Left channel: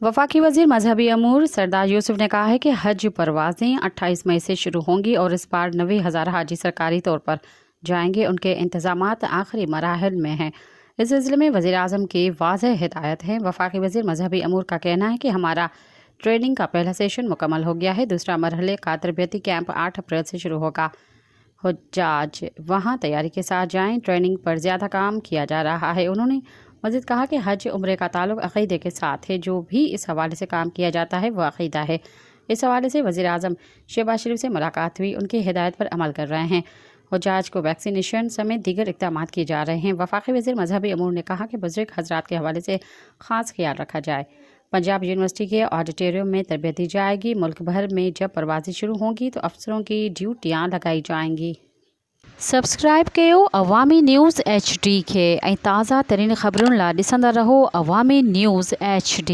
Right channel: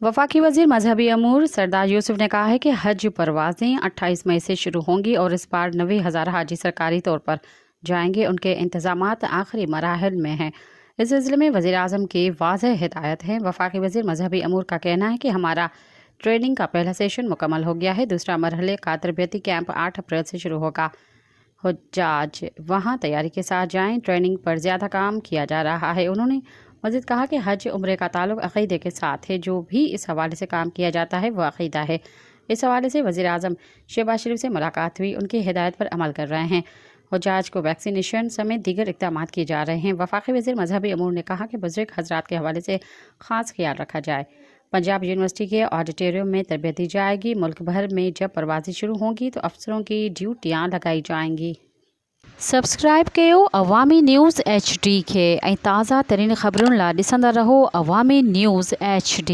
वफाकी वजीर मजहबी अमूर सरदार यूसुफ ने कहा है कि हज परवाजें 28 मई से शुरू होंगी और इस बार 90,000 हाजी सरकारी तौर पर जाएंगे। उनके इंतजामात आखिरी मराहल में हैं। इस सिलसिले में वज़ीर आज़म की वाज़ेह हिदायत है। वफाकी वजीर मजहबी अमूर का कहना है कि हमारा ट्रेनिंग का पहला सेशन मुकम्मल हो गया है। दूसरा मरहले का तरबियती कैंप 8 अप्रैल से शुरू होगा। हुज्जाज वहाँ तैयारी के साथ जाएं। ट्रेनिंग पर ज़्यादा काम किया जा रहा है। उन्होंने मज़ीद कहा कि हज उम्रे का ताल्लुक़ अक़ीदे के साथ है। जो भी इस हवाले से काम किया जाता है वह अक़ीदा है। इस हवाले से वज़ीर आज़म शहबाज शरीफ से मुलाकात हुई। उनकी हिदायत पर अमल कर रहे हैं। हुज्जाज को वैक्सीनेशन समेत दीगर इक़दाम किए जा रहे हैं। वफाकी वज़ीर मजहबी अमूर ने कहा कि बुज़ुर्ग हज़रात के हवाले से ख़ास ख्याल रखा जाए। पंजाब यूनिवर्सिटी के ऑडिटोरियम में तरबियत दी जाएगी। मुल्क भर में जब परवाज़ें शुरू होंगी तो अफसरों की ड्यूटियाँ लगाई जाएंगी। सब्सक्राइब कयो अवामी न्यूज़ HD खे ऐं ताज़ा तरीन ख़बरुनि लाइ ॾिसंदा रहो अवामी न्यूज़ HD।